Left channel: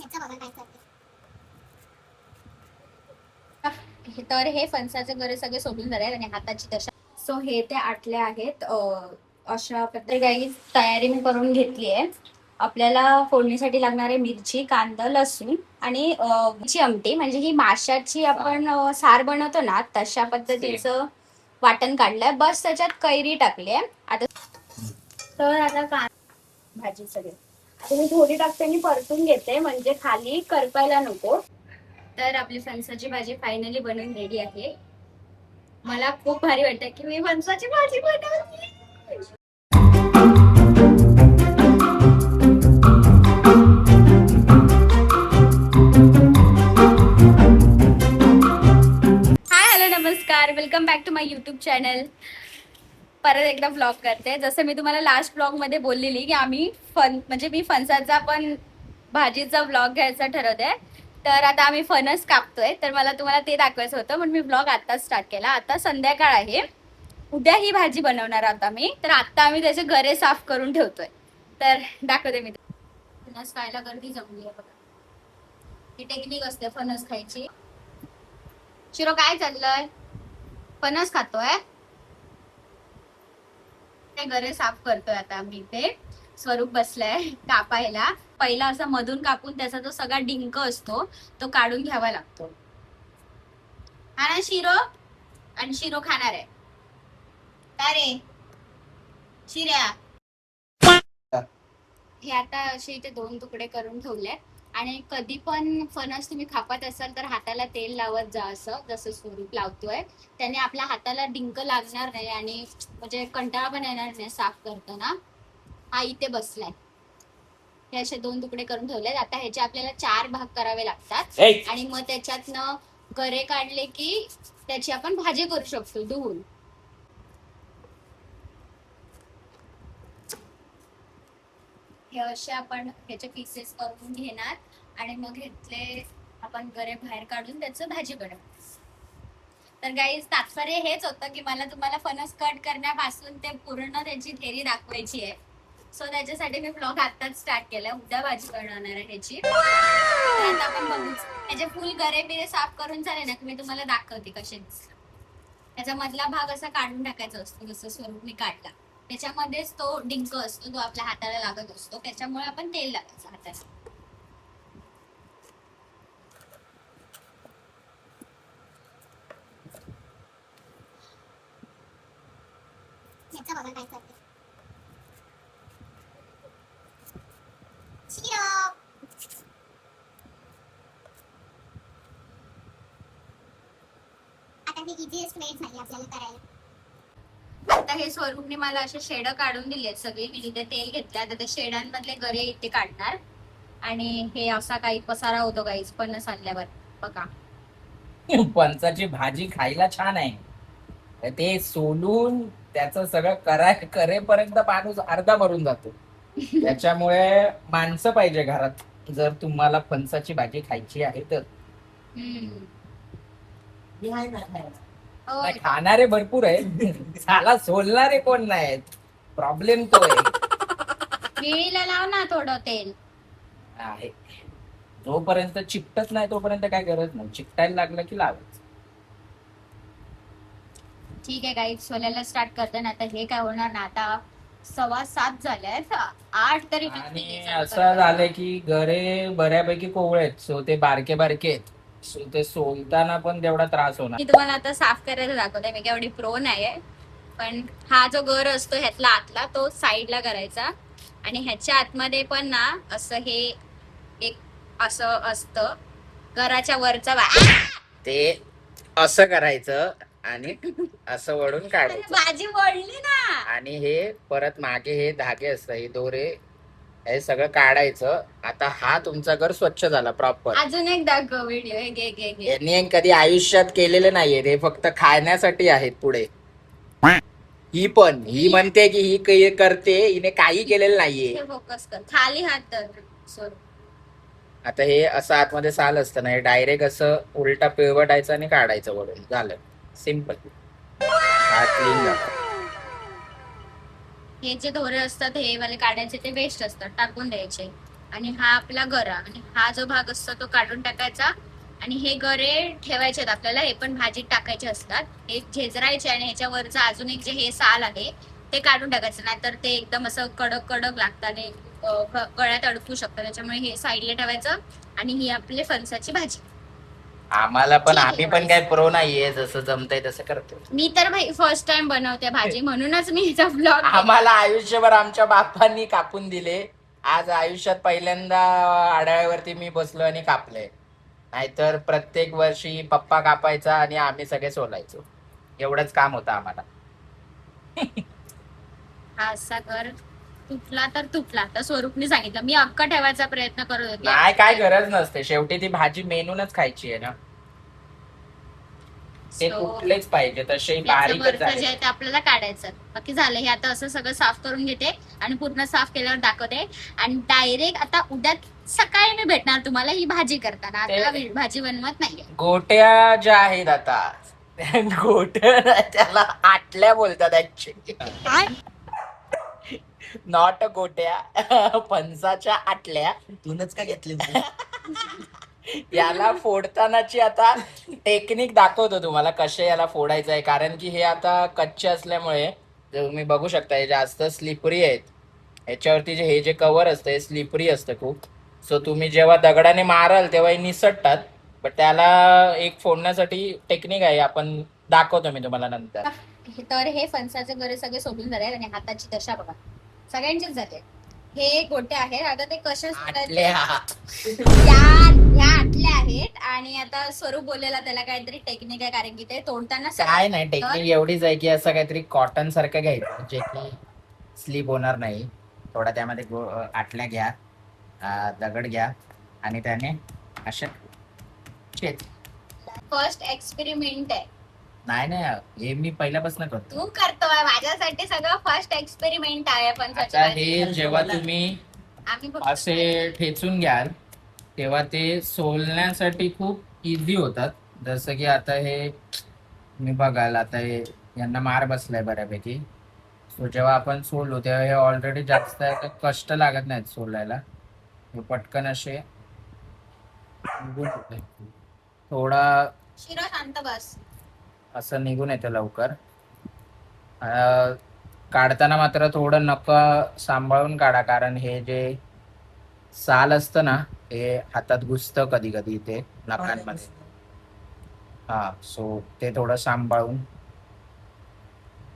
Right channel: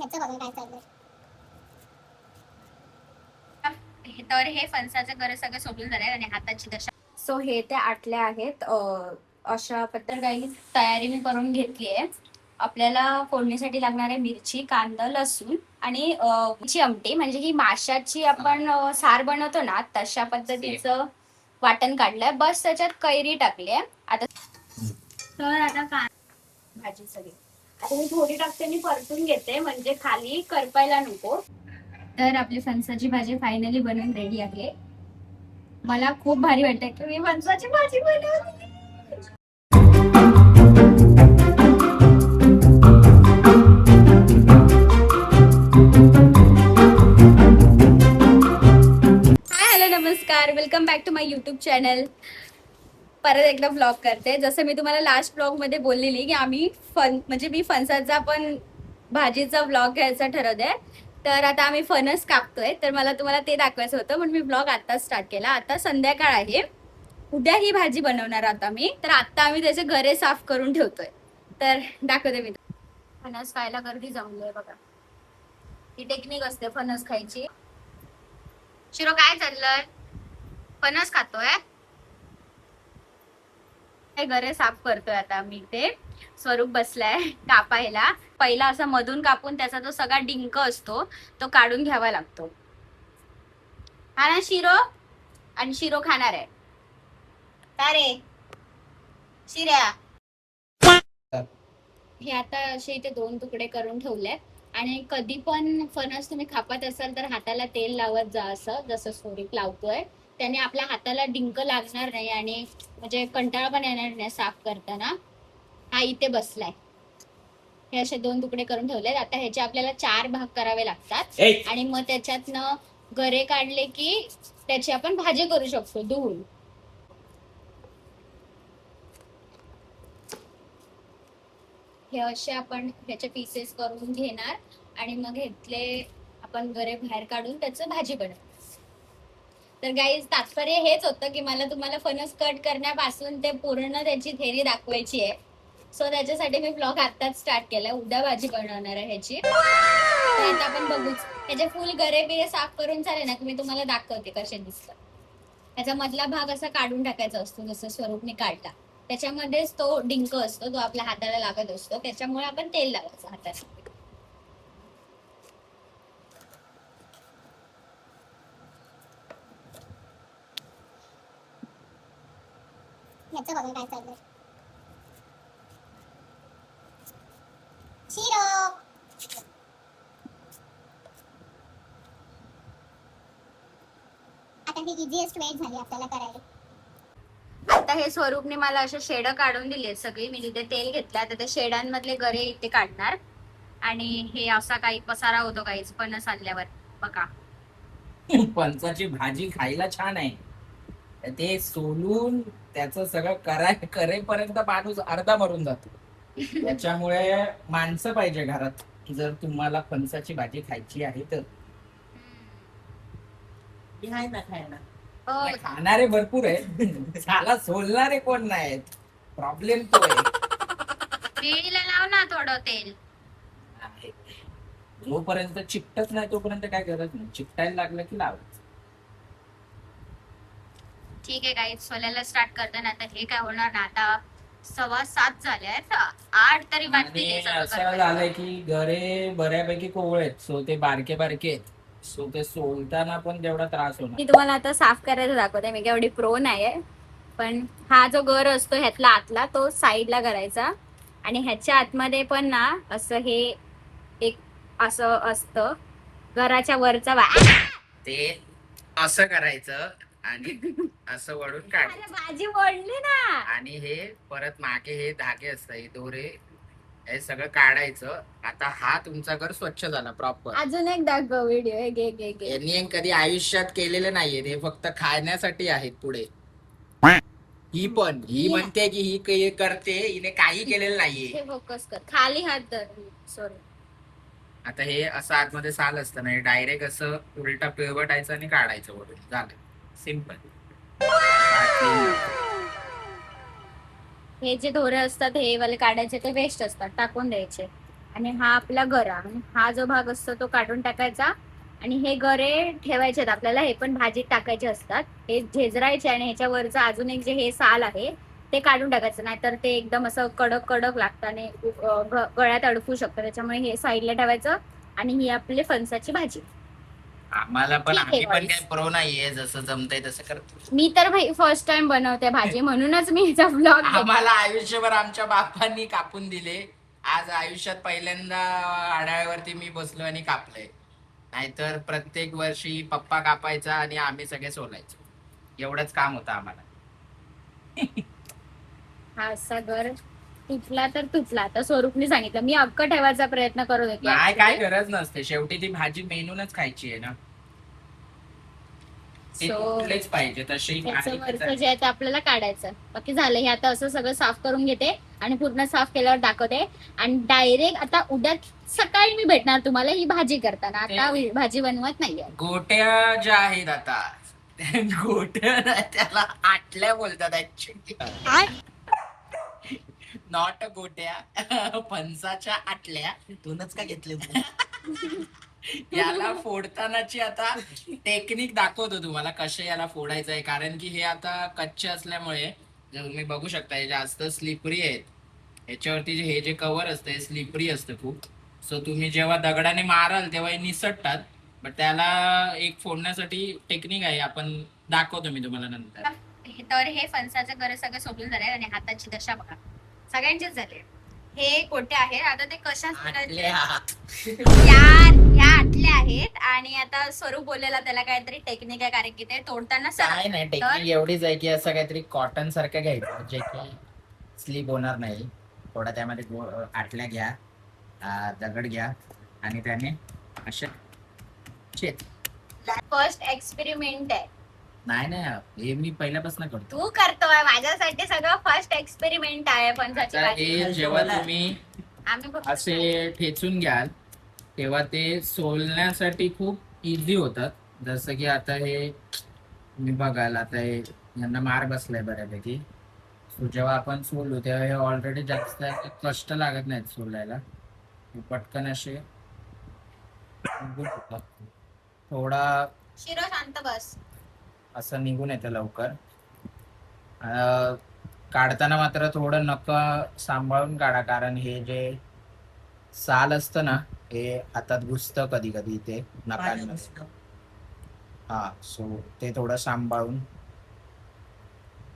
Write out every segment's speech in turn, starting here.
याचं बघा काय चाललंय. तर हे फणसाचे गरे सगळे सोडून झाले आणि हाताची दशा. सो हे ते आटले आहेत. अशा पद्धती काही तयारी मी करून घेतली आहे. आपल्याला फोडणीसाठी लागणारे मिरची, कांदा, लसूण आणि ची आमटी, म्हणजे ही माशाची आपण सार बनवतो ना तशा पद्धतीचं वाटण काढलंय. बस त्याच्यात कैरी टाकली आहे. आता भाजी सगळी आता मी थोडी टाकते आणि परतून घेते, म्हणजे खाली करपायला नको. तर आपली फणसाची भाजी फायनली बनवून रेडी आहे. मला खूप भारी वाटतं की मी फणसाची भाजी बनवली. हाय, हॅलो, नमस्कार, welcome back to my YouTube channel. परत एकदा व्लॉग करते. जसं मी तुम्हाला लास्ट व्लॉग मध्ये बोललेली की आम्ही म्हणजे मी फणसाचा पण भाजीचा व्लॉग घ्यायचा ठरवते. तर आता आम्ही फणस कापतोय, तर मला तुम्हाला ते दाखवायचं होतं म्हणून मी व्लॉग आता स्टार्ट केला. आता संध्याकाळ आहे, उद्या ही भाजी बनवणार आता मी. तर आता आम्ही त्याचे गरे साफ करून ठेवतोय, तर दाखवते मी. फणस खायला गर्दी जमली आहे बघा. ही टेक्निक असते फणस खायची. शिरो काय चाललंय? फणस खातोय. गरे साफ करतोय आता मी. ते स्वरूप बसलाय कापायला. पहिला असं मधून कापून त्याचा जो सगळा डिंक असतो तो काढून घ्यावा लागतो. हा ना शिरो? आणि शिरो खाणार आहे का रे शिर्या? हे आता असे इथे 2 तुकडे करून ठेवलेत. आणि कधी पण फणस तुम्ही खापत असाल तर हाताला तेल लावत जा, असं जसं स्वरूप लावतोय. त्याने आपल्या हाताला डिंक लागणार नाही आणि म्हणजे कंटाळा पण येणार नाही साफ करताना. हा इथे बसलाय. हे असे 2 तुकडे करून ठेवलेत. आता ह्याचे आपल्याला 4 भाग करावे लागतात आणि मग त्याच्यातनं गरे काढले की त्याची आपण भाजी करू शकतो धुवून. हे असे आपण ह्याचे पीसेस करून घेणार आणि मग घेतले आपण गरे बाहेर काढून त्याचं भाजी बनवणार. तर गाईज तात्पर्य हेच होतं की मला तुम्हाला फणस कट करण्यापासून ते पूर्ण त्याची थेरी दाखवायची आहे. सो त्याच्यासाठी मी ब्लॉग आताच स्टार्ट केलाय. उद्या भाजी बनवणार आहे ह्याची. तर आता आपण बघूच. ह्याचे फुल गरे बिरे साफ करून झाले ना की मी तुम्हाला दाखवते कसे दिसतात. त्याचा मधला भाग असा काढून टाकायचा असतो जसं स्वरूपने काढला. त्याच्यामध्येच तो डिंक असतो, तो आपल्या हाताला लागत असतो. त्याच्यामुळे आपण तेल लावायचं हाताला. याचं बघा काय चाललंय. शिरो आता ही इझीएस्ट वे झाली आपल्याला करायला. आता हे स्वरूपने मला असे शेड काढून दिले सगळी. मी तिथे तेल घेतलं. आता ते शेडांमधले गरे इथे काढणार. आणि हे असा काही पसारा होतो काही फणस आणल्यावर बघा. फणसाची भाजी खायला छान आहे, ते सोलून त्याचं सगळं करेपर्यंत माणूस अर्धा मरून जातो. त्याच्यामुळे माणसं पाहिजे घरात जर तुम्हाला फणसाची भाजी खायची आहे तर. आहे ना खायला. नाही, खाणारे भरपूर आहेत, साला सोलणारे कोण नाहीत. प्रॉब्लेम तो विळीला लाव ना थोडं तेल. आहे. जोपर्यंत चिकटत नाही तोपर्यंत काय गरज नाही, चिकटायला लागलं की लावायचं. ठीक आहे गाईज, सोलायला स्टार्ट करतो ना. आता हे काय होणार ना, आता 6:15 झाले आहेत, 8 तरी बाकी. असं झालंय की गरे बऱ्यापैकी कोवळे आहेत, सो ते बारके बारके आहेत. सो ते सोलताना पण तेवढा त्रास होणार. मी तुम्हाला आता साफ करायला दाखवते. मी एवढी प्रो नाहीये, पण हा जो गर असतो ह्यातला आतला तो साईडला करायचा. आणि ह्याच्या आतमध्ये पण ना असं हे एक असं असतं घराच्या वरचा ते असं करायचं आणि असं वळून काढायचं. भाजी वळली ना. आणि हे परत मागे हे धागे असतात, हे दोरे, हे सगळं काढायचं. आता हा तुमचा घर स्वच्छ झाला प्रॉपर. अजून एक दाखव व्हिडिओ. हे घे. यांनी कधी आयुष्यात केलेले नाहीये, हे फक्त खाण्यासाठी आहेत पुढे. ही म्हणते की ही करते, हिने काही केलेलं नाहीये. फोकस कर, खाली हात धर. सॉरी. आता हे असं आतमध्ये साल असतं ना, हे डायरेक्ट असं उलटा पिळवटायचं आणि काढायचं वरून, झालं. सिंपल. हे जे दोरे असतात हे वाले काढायचे, ते वेस्ट असतात, टाकून द्यायचे. आणि हा आपला गरा, आणि हा जो भाग असतो तो काढून टाकायचा. आणि हे गरे ठेवायचे आहेत आपल्याला, हे पण भाजीत टाकायचे असतात. हे झेजरायचे आणि ह्याच्यावरचं अजून एक जे हे साल आहे ते काढून टाकायचं, नाहीतर ते एकदम असं कडक कडक लागतं आणि गळ्यात अडकू शकतं. त्याच्यामुळे हे साईडला ठेवायचं. आणि ही आपली फणसाची भाजी. आम्हाला पण, ठीक आहे, आम्ही पण boys. काय प्रो नाहीये, जसं जमतंय तसं करतो. मी तर भाई फर्स्ट टाइम बनवते भाजी, म्हणूनच मी हिचा ब्लॉग. आम्हाला आयुष्यभर आमच्या बापांनी कापून दिले, आज आयुष्यात पहिल्यांदा आढळ्यावरती मी बसलो आणि कापले. नाहीतर प्रत्येक वर्षी पप्पा कापायचा आणि आम्ही सगळे सोलायचो. एवढंच काम होतं आम्हाला. हा असा घर तुटला तर तुटला. आता स्वरूपने सांगितलं, मी अक्क ठेवायचा प्रयत्न करत होते. नाही, काय गरज नसते, शेवटी ती भाजी मेनूनच खायची आहे ना. ते तुटलेच पाहिजे, तसे बारीकच जे आहे ते आपल्याला काढायचं. बाकी झालं. हे आता असं सगळं साफ करून घेते आणि पूर्ण साफ केल्यावर दाखवते. आणि डायरेक्ट आता उद्या सकाळी मी भेटणार तुम्हाला ही भाजी करताना. आता भाजी बनवत नाहीये. गोट्या ज्या आहेत आता, गोट्या त्याला आटल्या बोलतात ऍक्च्युली. नॉट गोट्या, फणसाच्या आटल्या. तूनच का घेतली याला फोडतानाची आता टेक्निक दाखवतो तुम्हाला, कसे याला फोडायचं आहे. कारण की हे आता कच्चे असल्यामुळे तुम्ही बघू शकता हे जास्त स्लिपरी आहेत. याच्यावरती हे जे कव्हर असतं हे स्लिपरी असतं खूप. सो तुम्ही जेव्हा दगडाने माराल तेव्हा हे निसटतात. बट त्याला एक फोडण्यासाठी टेक्निक आहे, आपण दाखवतो मी तुम्हाला नंतर. तर हे फणसाचे गरे सगळे सोडून झाले आणि हाताची दशा बघा सगळ्यांचेच झाले. हे गोटे आहेत. आता ते कशाच ह्या आटल्या आहेत. आणि आता स्वरूप बोललेला त्याला काहीतरी टेक्निक आहे, कारण की ते तोडताना काय नाही, टेक्निक एवढीच आहे की असं काहीतरी कॉटन सारखं घ्यायचं जे की स्लिप होणार नाही. थोडा त्यामध्ये आटल्या घ्या, दगड घ्या आणि त्याने असे फर्स्ट एक्सपेरिमेंट आहे. नाही, हे मी पहिल्यापासून करतो. तू करतोय, माझ्यासाठी सगळं फर्स्ट एक्सपेरिमेंट आहे फणसाची भाजी. हे जेव्हा तुम्ही आम्ही असे ठेचून घ्याल तेव्हा ते सोलण्यासाठी खूप इझी होतात. जसं की आता हे मी बघाल, आता हे यांना मार बसलाय बऱ्यापैकी. सो जेव्हा आपण सोडलो तेव्हा हे ऑलरेडी जास्त कष्ट लागत नाहीत सोलायला. हे पटकन असे निघून येतात. थोडा शिरो शांत बस. असं निघून येतं लवकर. काढताना मात्र थोडं नख सांभाळून काढा, कारण हे जे साल असतं ना हे हातात घुसतं कधी कधी ते नखांमध्ये. सो ते थोडं सांभाळून.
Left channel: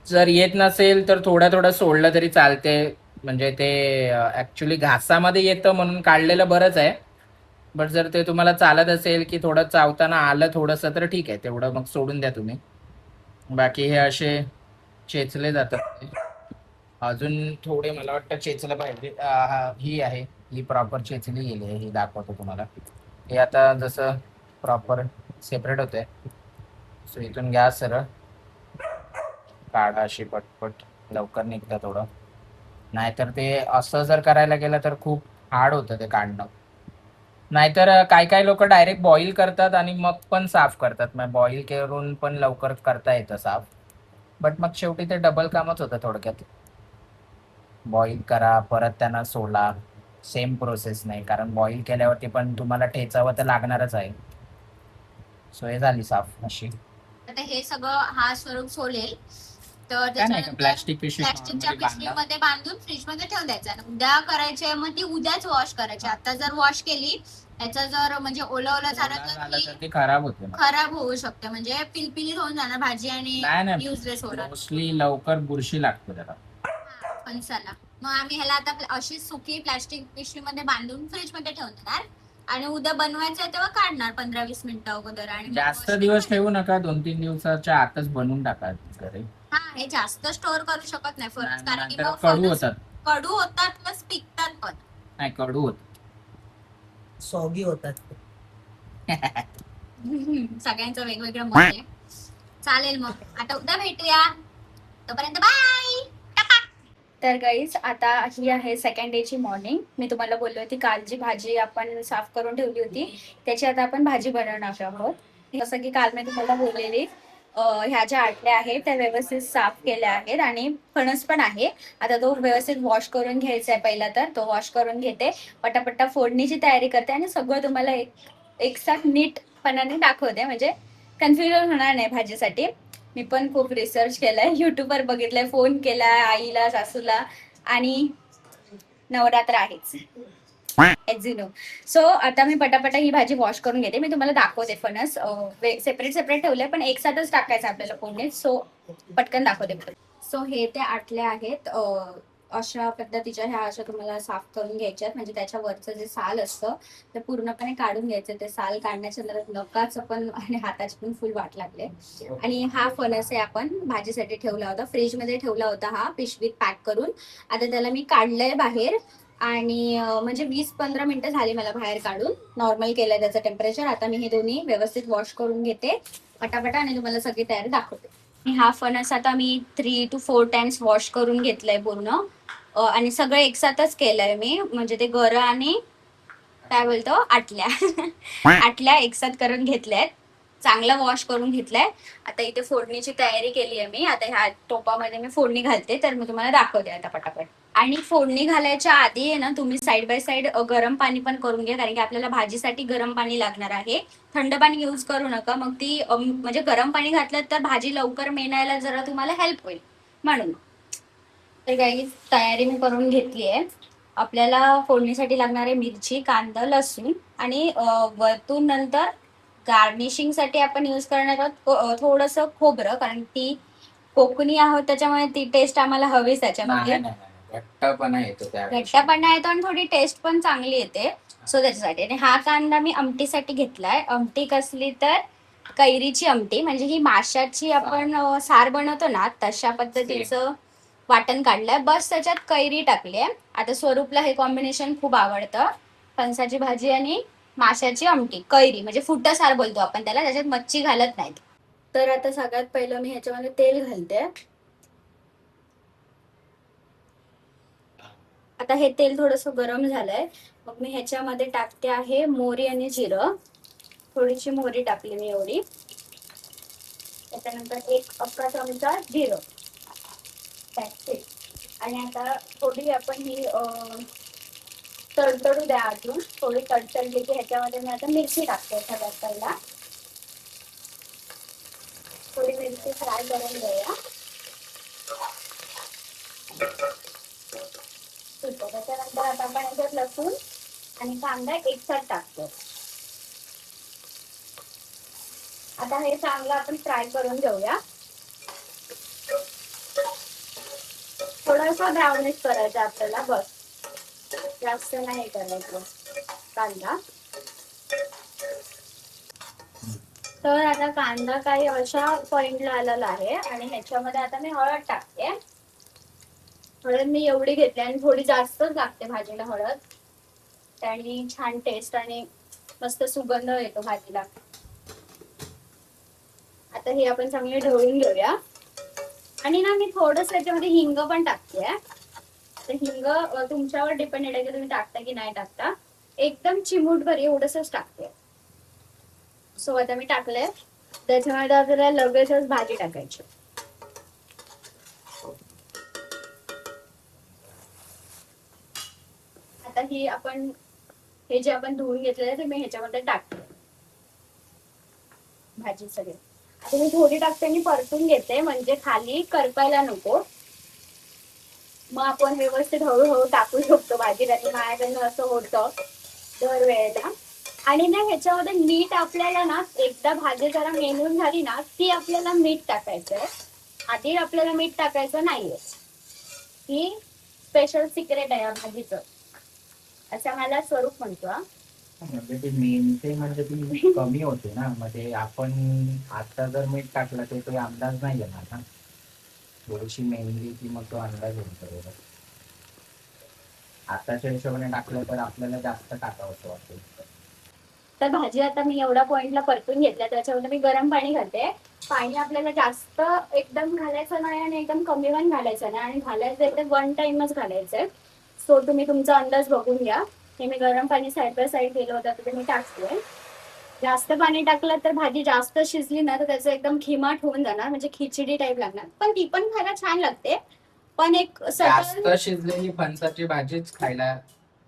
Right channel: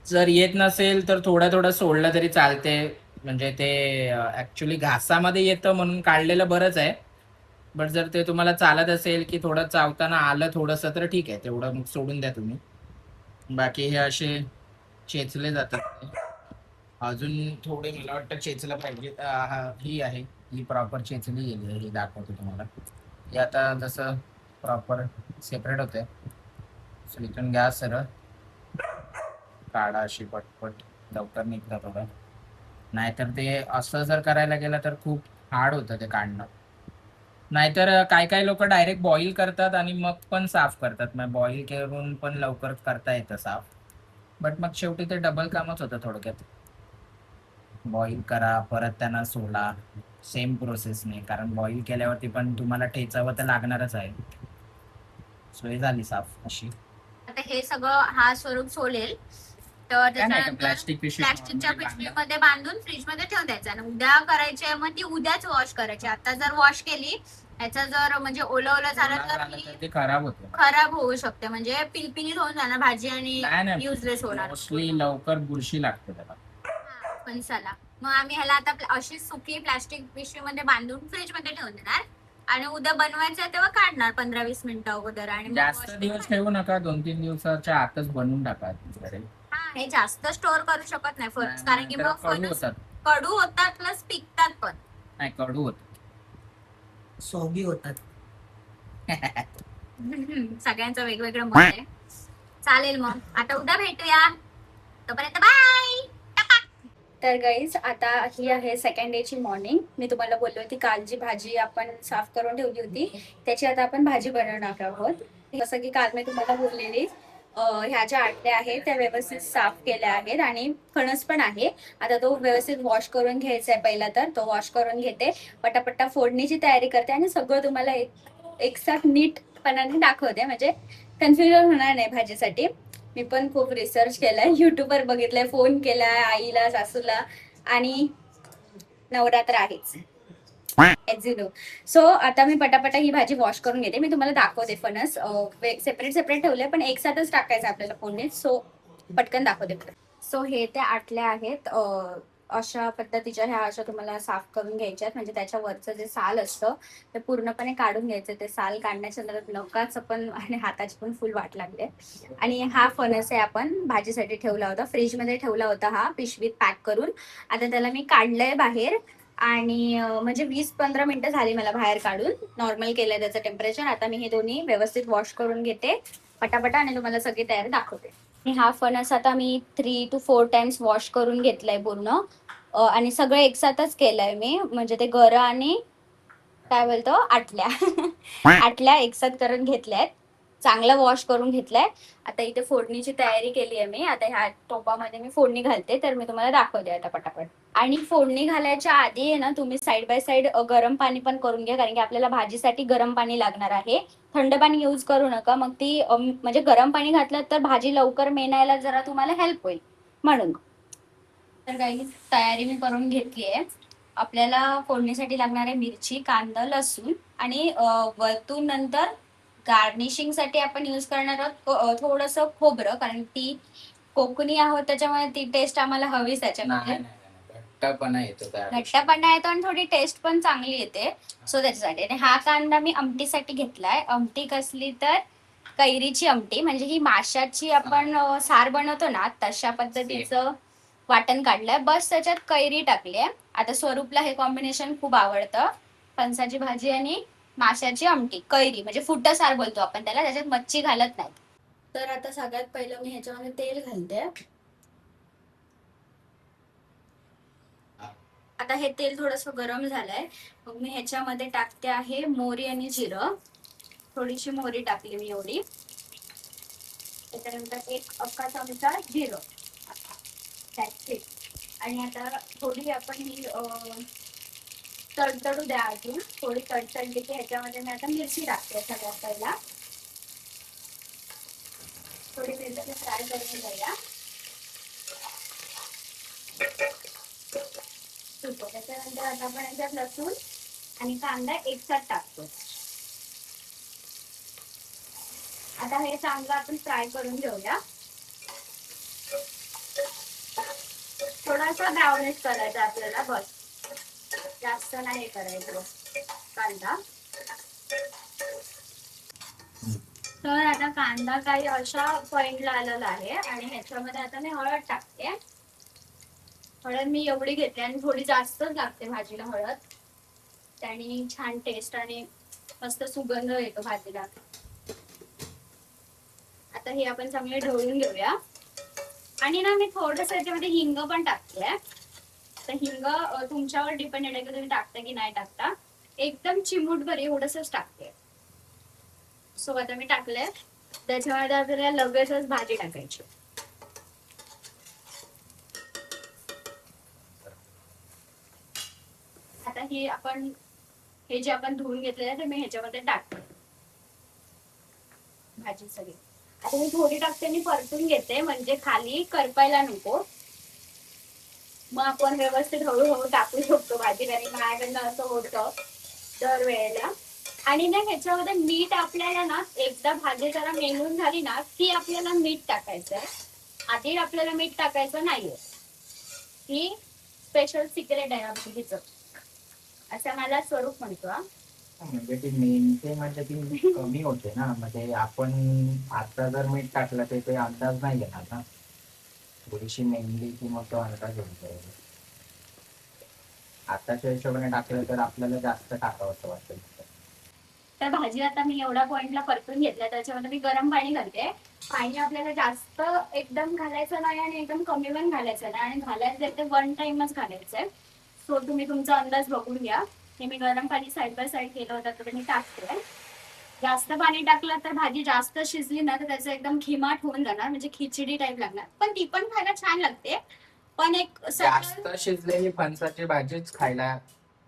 जर येत नसेल तर थोडं सोडलं तरी चालते. म्हणजे ते ऍक्च्युली घासामध्ये येतं म्हणून काढलेलं बरंच आहे. बट जर ते तुम्हाला चालत असेल की थोडं चावताना आलं थोडंसं तर ठीक आहे, तेवढं मग सोडून द्या तुम्ही. बाकी हे असे चेचले जातात. अजून थोडे मला वाटतं चेचलं पाहिजे. ही आहे, ही प्रॉपर चेचली गेली आहे, ही दाखवतो तुम्हाला. हे आता जसं प्रॉपर सेपरेट होते. सो इथून घ्या सरळ, काढा अशी पटपट, लवकर निघतं थोडं. नाहीतर ते असं जर करायला गेलं तर खूप हार्ड होतं ते काढणं. नाहीतर काय लोक डायरेक्ट बॉईल करतात आणि मग पण साफ करतात. मग बॉईल करून पण लवकर करता येतं साफ. बट मग शेवटी ते डबल कामच होतं थोडक्यात. बॉईल करा, परत त्यांना सोला, सेम प्रोसेस नाही, कारण बॉईल केल्यावरती पण तुम्हाला ठेचावं तर लागणारच आहे. सो हे झाली साफ अशी. आता हे सगळं हा स्वरूप सोलेल तर प्लास्टिकच्या पिशवीमध्ये बांधून फ्रीज मध्ये ठेवून द्यायचं. आणि उद्या करायचे मग ती उद्याच वॉश करायची. आता जर वॉश केली, याचा जर म्हणजे ओलं झालं तर ती खराब होते, खराब होऊ शकते. म्हणजे पिलपिलीत होऊन जाणार भाजी आणि युजलेस होणार. मोस्टली लवकर बुरशी लागते त्याला, फणसाला. मग आम्ही ह्याला आता अशी सुकी प्लास्टिक पिशवीमध्ये बांधून फ्रीज मध्ये ठेवून देणार. आणि उद्या बनवायचं तेव्हा काढणार 15-20 मिनिटं अगोदर. आणि जास्त दिवस ठेवू नका, 2-3 दिवसाच्या आतच बनवून टाका. हे जास्त स्टोर करू शकत नाही फणस, कारण की मग कडू होतात प्लस पिकतात पण. नाही, कडू होत, सॉगी होतात. सगळ्यांचं वेगवेगळं मत आहे. चालेल, मग आता उद्या भेटूया. तोपर्यंत बाय. तर गाईज, आता ही आहे सेकंड डे ची मॉर्निंग. मी तुम्हाला बोलली होती काल जी भाजी आपण साफ करून ठेवली होती त्याची आता आपण भाजी बनवणार आहोत. जसं की काल मी तुम्हाला बोललेली ह्या ज्या आटल्या आहेत त्या व्यवस्थित साफ केल्या आहेत आणि फणस पण आहे. आता तो व्यवस्थित वॉश करून घ्यायचा आहे. पहिला तर तो वॉश करून घेते, पटापट्टा फोडणीची तयारी करते आणि सगळं तुम्हाला एकसाथ नीटपणाने दाखवते, म्हणजे कन्फ्युजन होणार नाही भाजीसाठी. मी पण खूप रिसर्च केलाय, युट्यूबवर बघितलंय, फोन केलाय आईला, सासूला, आणि नवरात्र आहेच सो आता मी पटापटा ही भाजी वॉश करून घेते. मी तुम्हाला दाखवते फणस सेपरेट सेपरेट ठेवले, पण एक साथच टाकायचं आपल्याला फोडणीत. सो पटकन दाखवते. सो हे त्या आटल्या आहेत, अशा पद्धतीच्या ह्या अशा तुम्हाला साफ करून घ्यायच्यात. म्हणजे त्याच्यावरचं जे साल असतं ते पूर्णपणे काढून घ्यायचं. ते साल काढण्याच्या नकाच पण आणि हाताची पण फुल वाट लागले. आणि हा फणस आहे, आपण भाजीसाठी ठेवला होता, फ्रीजमध्ये ठेवला होता हा पिशवीत पॅक करून. आता त्याला मी काढलंय बाहेर आणि म्हणजे 20-15 मिनिटं झाली मला बाहेर काढून. नॉर्मल केलंय त्याचं टेम्परेचर. आता मी हे दोन्ही व्यवस्थित वॉश करून घेते पटापटा आणि तुम्हाला सगळी तयारी दाखवते. हा फणस आता मी 3 to 4 टाइम्स वॉश करून घेतलाय पूर्ण, आणि सगळं एकसाथच केलंय मी. म्हणजे ते गरं आणि काय बोलतो आटल्या एकसाथ करून घेतल्यात, चांगला वॉश करून घेतलाय. आता इथे फोडणीची तयारी केली आहे मी. आता ह्या टोपामध्ये मी फोडणी घालते, तर मी तुम्हाला दाखवते आता पटापट. आणि फोडणी घालायच्या आधी आहे ना, तुम्ही साईड बाय साईड गरम पाणी पण करून घ्या, कारण की आपल्याला भाजीसाठी गरम पाणी लागणार आहे. थंड पाणी यूज करू नका, मग ती म्हणजे गरम पाणी घातलं तर भाजी लवकर मेणायला जरा तुम्हाला हेल्प होईल म्हणून. तर काही तयारी मी करून घेतली आहे. आपल्याला फोडणीसाठी लागणारे मिरची, कांदा, लसूण आणि वरतून नंतर गार्निशिंग साठी आपण यूज करणार आहोत थोडंसं खोबरं, कारण ती कोकणी आहोत त्याच्यामुळे ती टेस्ट आम्हाला हवीच त्याच्यामध्ये. घट्टपणा येतो, घट्टपणा येतो आणि थोडी टेस्ट पण चांगली येते. सो त्याच्यासाठी. आणि हा कांदा मी आमटीसाठी घेतलाय. आमटी कसली तर कैरीची आमटी, म्हणजे ही माशाची आपण सार बनवतो ना तशा पद्धतीचं वाटण काढलंय. बस त्याच्यात कैरी टाकली आहे. आता स्वरूपला हे कॉम्बिनेशन खूप आवडतं, फणसाची भाजी आणि माशाची आमटी, कैरी म्हणजे फुट्टा सार बोलतो आपण त्याला, त्याच्यात मच्छी घालत नाहीत. तर आता सगळ्यात पहिलं मी ह्याच्यामध्ये तेल घालते. आता हे तेल थोडंसं गरम झालंय, मग मी ह्याच्यामध्ये टाकते आहे मोहरी आणि जिरं. थोडीशी मोहरी टाकली मी एवढी. त्याच्यानंतर 1 चमचा जिरं. आणि आता थोडी आपण ही तडतडू द्या अजून. थोडी तडतडली की ह्याच्यामध्ये मी आता मिरची टाकते. सगळ्यात पहिला थोडी मिरची फ्राय करून घेऊया. त्याच्यानंतर आता आपण याच्यात लसूण आणि कांदा एकसाथ टाकतो. आता हे चांगलं आपण फ्राय करून घेऊया. थोडासा ब्राउनिश करायचा आपल्याला, बस, जास्त नाही करायचं कांदा. तर आता कांदा काही अशा पॉइंटला आलेला आहे आणि ह्याच्यामध्ये आता मी हळद टाकते. हळद मी एवढी घेतली आणि थोडी जास्तच लागते भाजीला हळद, त्याने छान टेस्ट आणि मस्त सुगंध येतो भाजीला. आता हे आपण चांगले ढवळून घेऊया. आणि ना मी थोडस याच्यामध्ये हिंग पण टाकते. तर हिंग तुमच्यावर डिपेंडेड आहे की तुम्ही टाकता की नाही टाकता. एकदम चिमूटभर एवढंच टाकते. सो आता मी टाकले. त्याच्यामध्ये आपल्याला लगेचच भाजी टाकायची. आता ही आपण हे जे आपण धुवून घेतलेलं ते मी ह्याच्यामध्ये टाकते भाजी सगळी. आता मी थोडी टाकते आणि परतून घेते, म्हणजे खाली करपायला नको. मग आपण व्यवस्थित हळूहळू टाकू शकतो भाजीत. आणि माझ्याकडनं असं होतं दरवेळेला. आणि ना ह्याच्यामध्ये मीठ आपल्याला ना एकदा भाजी जरा मेलून झाली ना की आपल्याला मीठ टाकायचंय. आधी आपल्याला मीठ टाकायचं नाहीये. ही स्पेशल सिक्रेट आहे या भाजीचं, असं मला स्वरूप म्हणतो. म्हणजे ती मेनते म्हणजे ती कमी होते ना, म्हणजे आपण आता जर मीठ टाकलं तर काही अंदाज नाही येणार ना. थोडीशी मेनली की मग तो अंदाज येतो. आताच्या हिशोबाने टाकलं तर आपल्याला जास्त टाकावं वाटतं. तर भाजी आता मी एवढ्या पॉइंटला परतून घेतल्या. त्याच्यामध्ये मी गरम पाणी घालते. पाणी आपल्याला जास्त एकदम घालायचं नाही आणि एकदम कमी पण घालायचं नाही. आणि घालायचं तर 1 टाइमच घालायचंय. सो तुम्ही तुमचा अंदाज बघून घ्या. हे मी गरम पाणी साईड बाय साईड केलं होतं तर मी टाकते. जास्त पाणी टाकलं तर भाजी जास्त शिजली ना तर त्याचं एकदम खिमाट होऊन जाणार, म्हणजे खिचडी टाईप लागणार. पण ती पण खायला छान लागते. पण एक जास्त शिजलेली फणसाची भाजीच खायला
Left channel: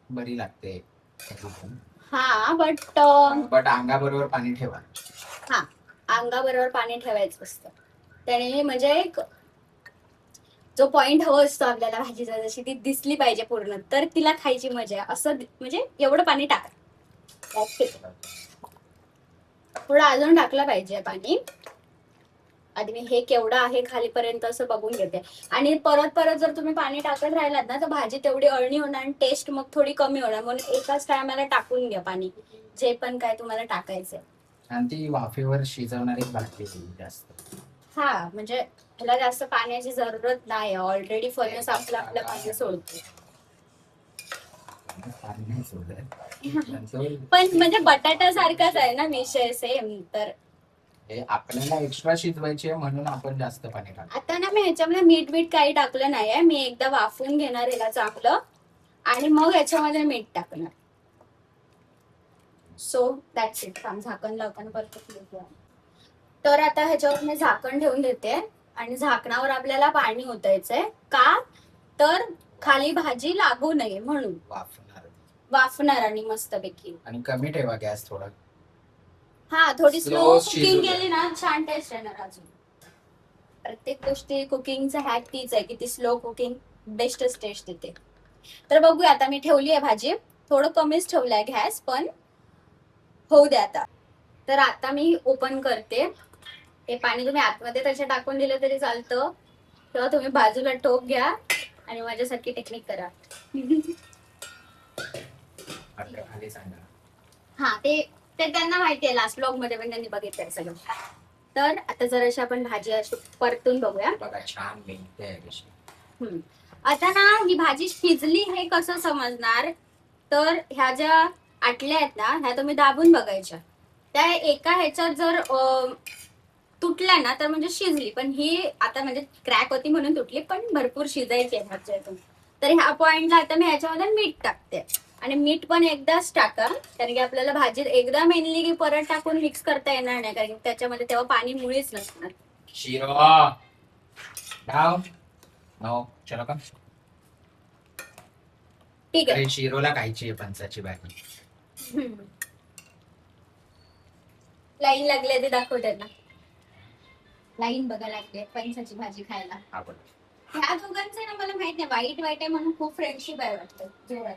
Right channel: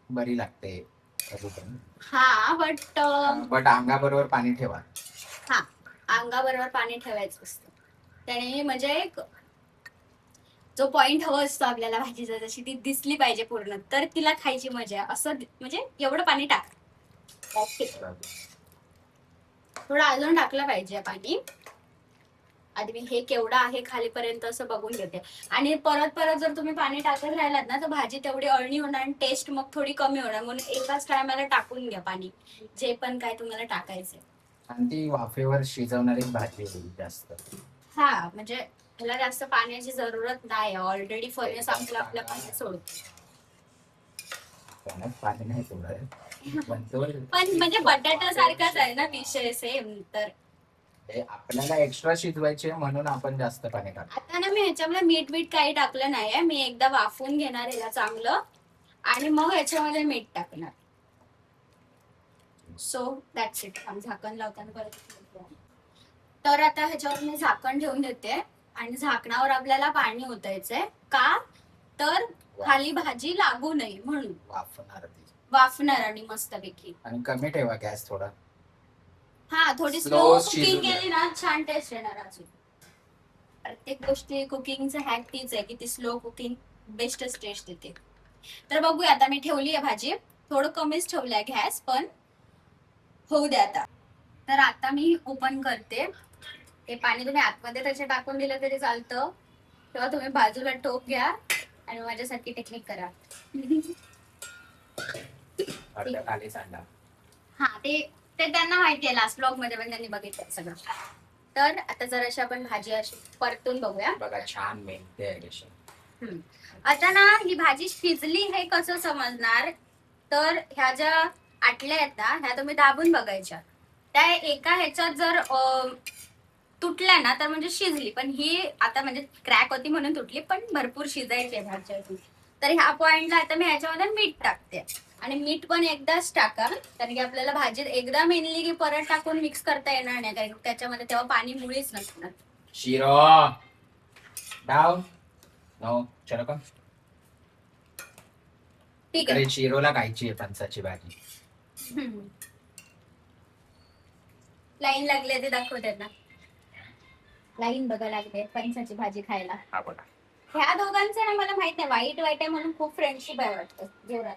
बरी लागते कधी पण. हा बट बट अंगाबरोबर पाणी ठेवा. हा, अंगाबरोबर पाणी ठेवायचं असतं. त्याने म्हणजे एक जो पॉइंट हवा असतो आपल्याला भाजीचा, जशी ती दिसली पाहिजे पूर्ण, तर तिला खायची मजा आहे. असं म्हणजे एवढं पाणी टाका. That's it. थोडं अजून टाकलं पाहिजे पाणी. आधी मी हे केवढं आहे खालीपर्यंत असं बघून घेते. आणि परत परत जर तुम्ही पाणी टाकत राहिलात ना तर भाजी तेवढी अळणी होणार आणि टेस्ट मग थोडी कमी होणार. म्हणून एकाच टायमाला टाकून घ्या पाणी, जे पण काय तुम्हाला टाकायचंय. आणि ती वाफेवर शिजवणारी भाजी जास्त. हा, म्हणजे ह्याला जास्त पाण्याची जरूरत नाही. ऑलरेडी फणस आपलं पाणी सोडतो. पाणी नाही सोडत. पण म्हणजे बटाटा सारखाच आहे ना विषय, सेम. तर आपल्याला एक्स्ट्रा शिजवायचे म्हणून आपण जास्त पाणी टाकतो. आता ना मी ह्याच्यामध्ये मीठ काही टाकलं नाहीये. मी एकदा वाफवून घेणार याला चांगलं आणि मग ह्याच्यामध्ये मीठ टाकणार. So that's it. झाकण लावताना परत. तर आता ह्याच्यावर मी झाकण ठेवून देते आणि झाकणावर आपल्याला पाणी ओतायचंय. का तर खाली भाजी लागू नये म्हणून. वाफणार आणि मस्तपैकी. आणि कमी ठेवा गॅस थोडा. हा, थोडी स्लो Slow कुकिंग शिजू केली ना छान टेस्ट येणार. अजून प्रत्येक गोष्टी कुकिंगचा हॅक तीच आहे की ती स्लो कुकिंग बेस्टच टेस्ट देते. तर बघूया, आता मी ठेवली आहे भाजी. थोडं कमीच ठेवलाय गॅस, पण होऊ द्या आता. तर आता मी ओपन करते. हे पाणी तुम्ही आतमध्ये त्याच्या टाकून दिलं तरी चालतं, किंवा तुम्ही बाजूला टोप घ्या आणि माझ्यासारखी टेक्निक करा. हा, ते त्यांना माहिती आहे. लास्ट ब्लॉग मध्ये पण त्यांनी बघितलंय सगळं. तर आता जराशी आपण भाजी अशी परतून बघूया. बघा छान मिळते. आता ना ही भाजी शिजली हे कसं समजणार, तर ह्या ज्या आटल्या आहेत ना ह्या तुम्ही दाबून बघायच्या. त्या एका ह्याच्यात जर तुटल्या ना तर म्हणजे शिजली. पण ही आता म्हणजे क्रॅक होती म्हणून तुटली, पण भरपूर शिजायची आहे भाजी अजून. तर ह्या पॉइंटला आता मी ह्याच्यामध्ये मीठ टाकते. आणि मीठ पण एकदाच टाका, कारण की आपल्याला भाजीत एकदा मेनली की परत टाकून मिक्स करता येणार नाही, कारण त्याच्यामध्ये तेव्हा पाणी मुळीच नसणार. शिरो डाव नो चलो का. ठीक आहे. शिरोला खायची आहे फणसाची भाजी. लाईन लागले ते दाखव त्यांना. लाईन बघा लागले फणसाची भाजी खायला. ह्या दोघांचे ना मला माहित नाही, वाईट आहे म्हणून खूप फ्रेंडशिप आहे वाटतं जोरात.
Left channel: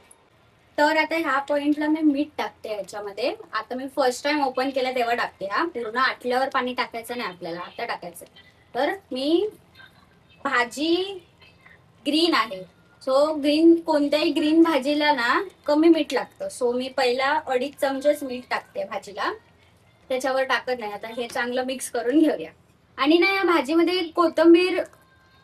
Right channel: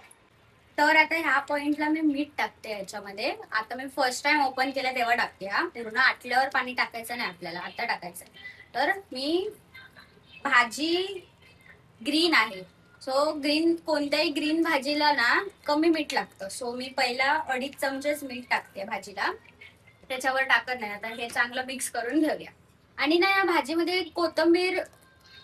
तर आता ह्या पॉइंटला मी मीठ टाकते ह्याच्यामध्ये. आता मी फर्स्ट टाइम ओपन केलं तेव्हा टाकते. हा, पूर्ण आटल्यावर पाणी टाकायचं नाही आपल्याला, आता टाकायचं. तर मी भाजी ग्रीन आहे, सो ग्रीन कोणत्याही ग्रीन भाजीला ना कमी मीठ लागतं. सो मी पहिला 2.5 चमचेच मीठ टाकते भाजीला, त्याच्यावर टाकत नाही. आता हे चांगलं मिक्स करून घेऊया. आणि ना या भाजीमध्ये कोथिंबीर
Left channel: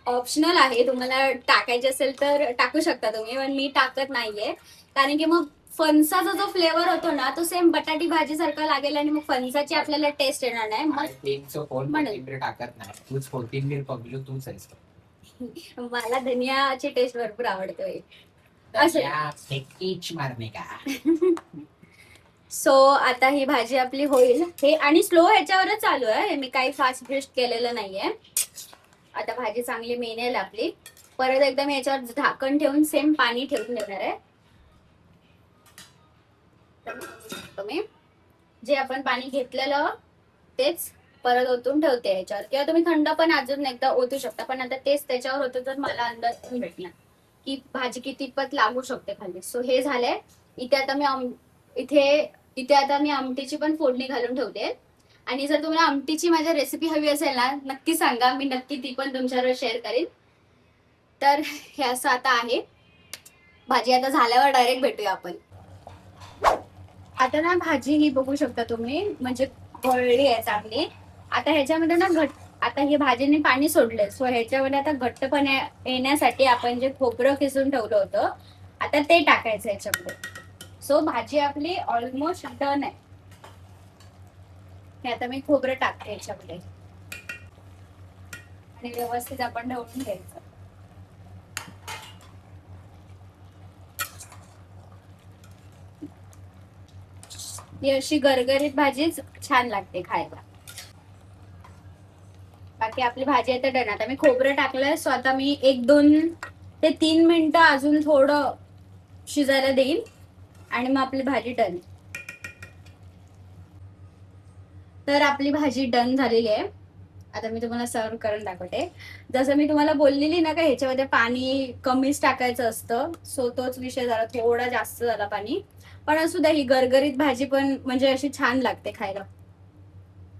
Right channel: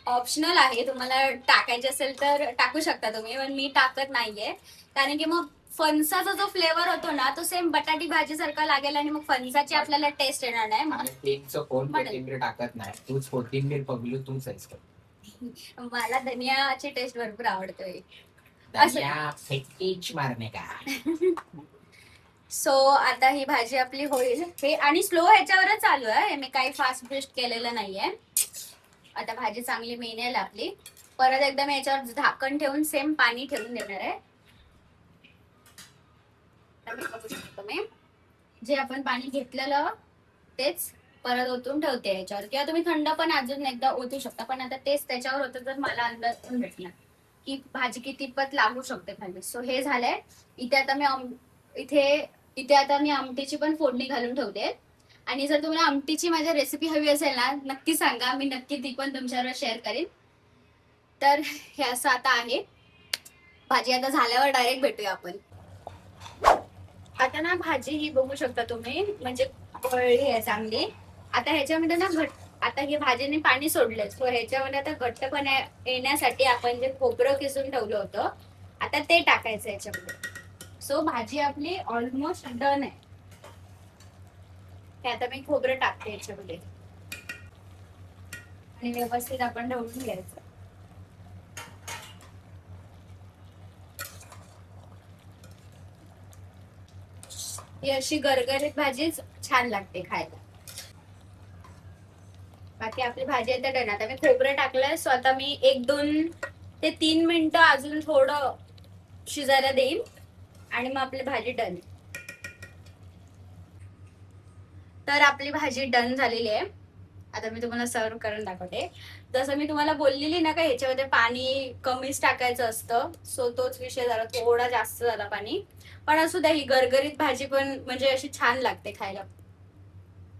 ऑप्शनल आहे, तुम्हाला टाकायची असेल तर टाकू शकता तुम्ही, पण मी टाकत नाहीये. कारण की मग फणसाचा जो फ्लेवर होतो ना तो सेम बटाटी भाजी सारखा लागेल आणि मग फणसाची आपल्याला टेस्ट येणार नाही. कोथिंबीर टाकत नाही, तूच कोथिंबीर पगलू तूच आहेस. मला धनियाची टेस्ट भरपूर आवडते. मारणे का. सो आता ही भाजी आपली होईल. हे आणि स्लो ह्याच्यावरच चालू आहे, मी काही फास्ट बेस्ट केलेलं नाहीये. आता भाजी चांगली मेनेल आपली. परत एकदा मी याच्यावर झाकण ठेवून सेम पाणी ठेवून देणार आहे. तुम्ही जे आपण पाणी घेतलेलं तेच परत ओतून ठेवते याच्यावर, किंवा तुम्ही थंड पण अजून एकदा ओतू शकता. पण आता तेच त्याच्यावर होतं तर मला अंदाज भेटणार की भाजी कितीपत लागू शकते खाली. सो हे झालंय. इथे आता मी आमटीची पण फोडणी घालून ठेवते. आणि जर तुम्हाला आमटीची माझ्या रेसिपी हवी असेल ना नक्की सांगा, मी नक्की ती पण तुमच्यावर शेअर करेन. तर हे असं आता आहे. भाजी आता झाल्यावर डायरेक्ट भेटूया आपण. आता ना भाजी ही बघू शकता तुम्ही, म्हणजे वळली आहे चांगली. आता ह्याच्यामध्ये ना आता ही भाजीने पाणी सोडले. सो ह्याच्यामध्ये आता घट्टपणा येण्यासाठी आपण जे खोबरं किसून ठेवलं होतं आता ते टाकायचं ह्याच्यामध्ये. सो भाजी आपली ऑलमोस्ट डन आहे. हे आता मी खोबरं टाकते याच्यामध्ये आणि व्यवस्थित आपण ढवळून घ्यायचं. ही अशी गरगरीत भाजीच छान लागते खायला. बाकी आपली भाजी आहे तर डन. आता मी खोबरं टाकलंय, सो आता मी 1-2 ते 3 मिनिटं अजून थोडं शिजायला देईन आणि मग आपली भाजी डन. तर आपली भाजी डन झालेली आहे. आता मी तुम्हाला सर्व करून दाखवते. जसं मी तुम्हाला बोललेली ना का ह्याच्यामध्ये पाणी कमीच टाकायचं असतं, सो तोच विषय झाला, थोडा जास्त झाला पाणी. पण असू द्या, ही गरगरीत भाजी पण म्हणजे अशी छान लागते खायला.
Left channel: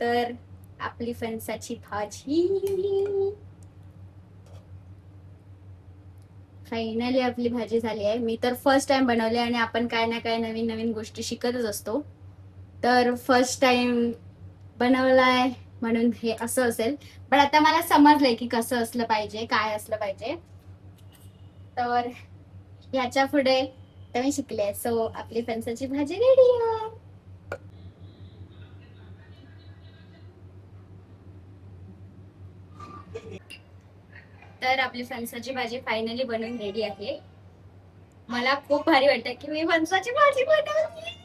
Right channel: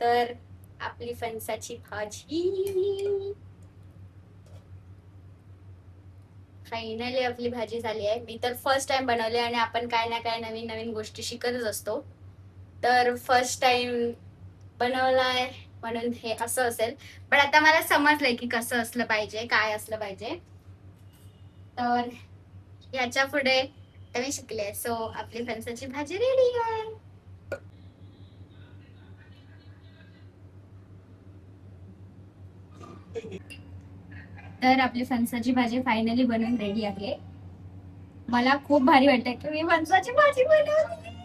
तर आपली फणसाची भाजी फायनली आपली भाजी झाली आहे. मी तर फर्स्ट टाइम बनवली आणि आपण काय ना काय नवीन नवीन गोष्टी शिकतच असतो. तर फर्स्ट टाइम बनवलाय म्हणून हे असं असेल, पण आता मला समजलंय की कसं असलं पाहिजे, काय असलं पाहिजे. तर याच्या पुढे तर मी शिकले. सो आपली फणसाची भाजी रेडी आहे. तर आपली फणसाची भाजी फायनली बनवून रेडी आहे. मला खूप भारी वाटतं की मी फणसाची भाजी बनवली.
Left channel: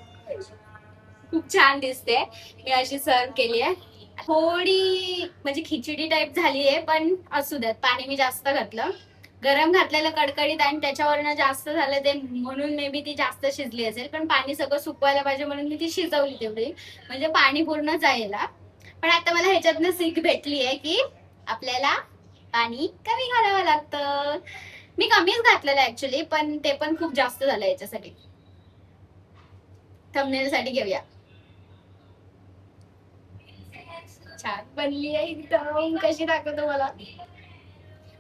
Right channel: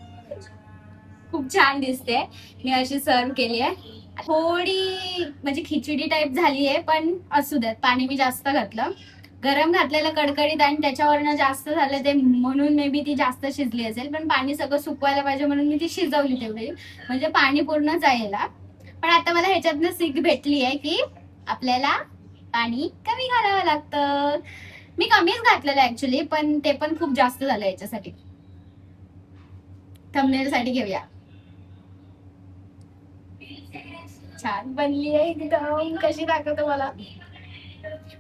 खूप छान दिसते. मी अशी सर्व केली आहे. थोडी म्हणजे खिचडी टाईप झाली आहे, पण असू द्यात, पाणी मी जास्त घातलं, गरम घातलेलं कडकडीत, आणि त्याच्यावरनं जास्त झालं ते म्हणून मे बी ती जास्त शिजली असेल. पण पाणी सगळं सुकवायला पाहिजे म्हणून मी ती शिजवली तेवढी, म्हणजे पाणी पूर्ण जायला. पण आता मला ह्याच्यातनं सीख भेटली आहे की आपल्याला पाणी कमी घालावं लागतं. मी कमीच घातलेलं ऍक्च्युली, पण ते पण खूप जास्त झालं याच्यासाठी. थंबनेल साठी घेऊया. छान बनली आहे एकदम. कशी दाखवतो मला,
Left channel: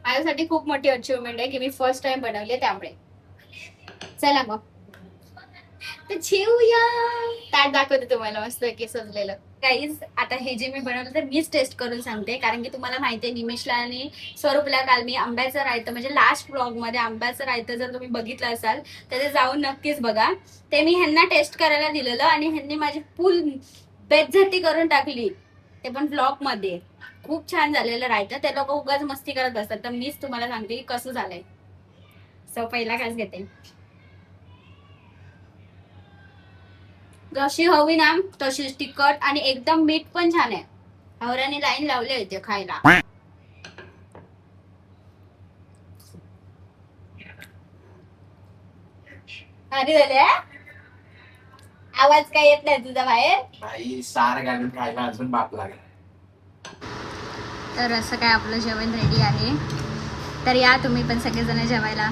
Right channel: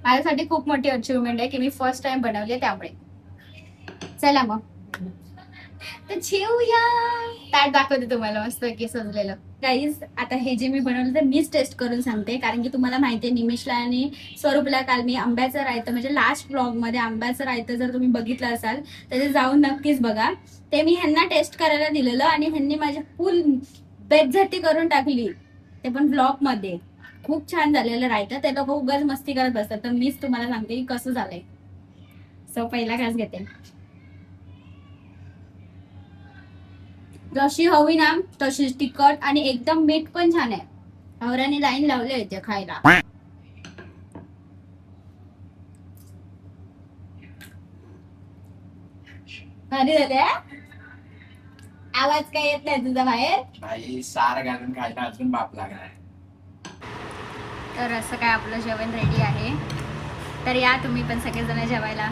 माझ्यासाठी खूप मोठी अचिव्हमेंट आहे की मी फर्स्ट टाइम बनवले, त्यामुळे. चला मग तर जेवूया. ताट दाखवते तुम्हाला मस्त की सजलेलं. गाईज, आता हे जे मी बनवलं ते मीच टेस्ट करून सांगते, कारण की तुम्हाला माहिती आहे निमिषला आणि स्वरूपला काल मी आंब्याचं रायतं, म्हणजे लास्ट ब्लॉग मध्ये आंब्याचं रायतं जर तुम्ही बघितलं असाल तर ते जाऊन नक्कीच बघा. ते मी ह्यांना टेस्ट करायला दिलेलं आणि ह्यांनी माझी फुल बेइज्जती करून टाकली, ते पण ब्लॉग मध्ये. खूप छान झालेलं रायतं. ते लोक उगाच मस्ती करत बसतात, तर मीच तुम्हाला सांगते की कसं झालंय. सो पहिला घास घेते. जशी हवी ना तशीच तिखट, आणि एकदम मीठ पण छान आहे. हवऱ्याने लाईन लावले इथे खायला. भारी झाले. आवाज काय येत नाही तुझा बाहेर. भाई सार घालून खायला अजून बाप लागणार. तर असं काय आपलं जेवण रेडी आहे. तर या तुम्ही पण सगळेजण जेवायला.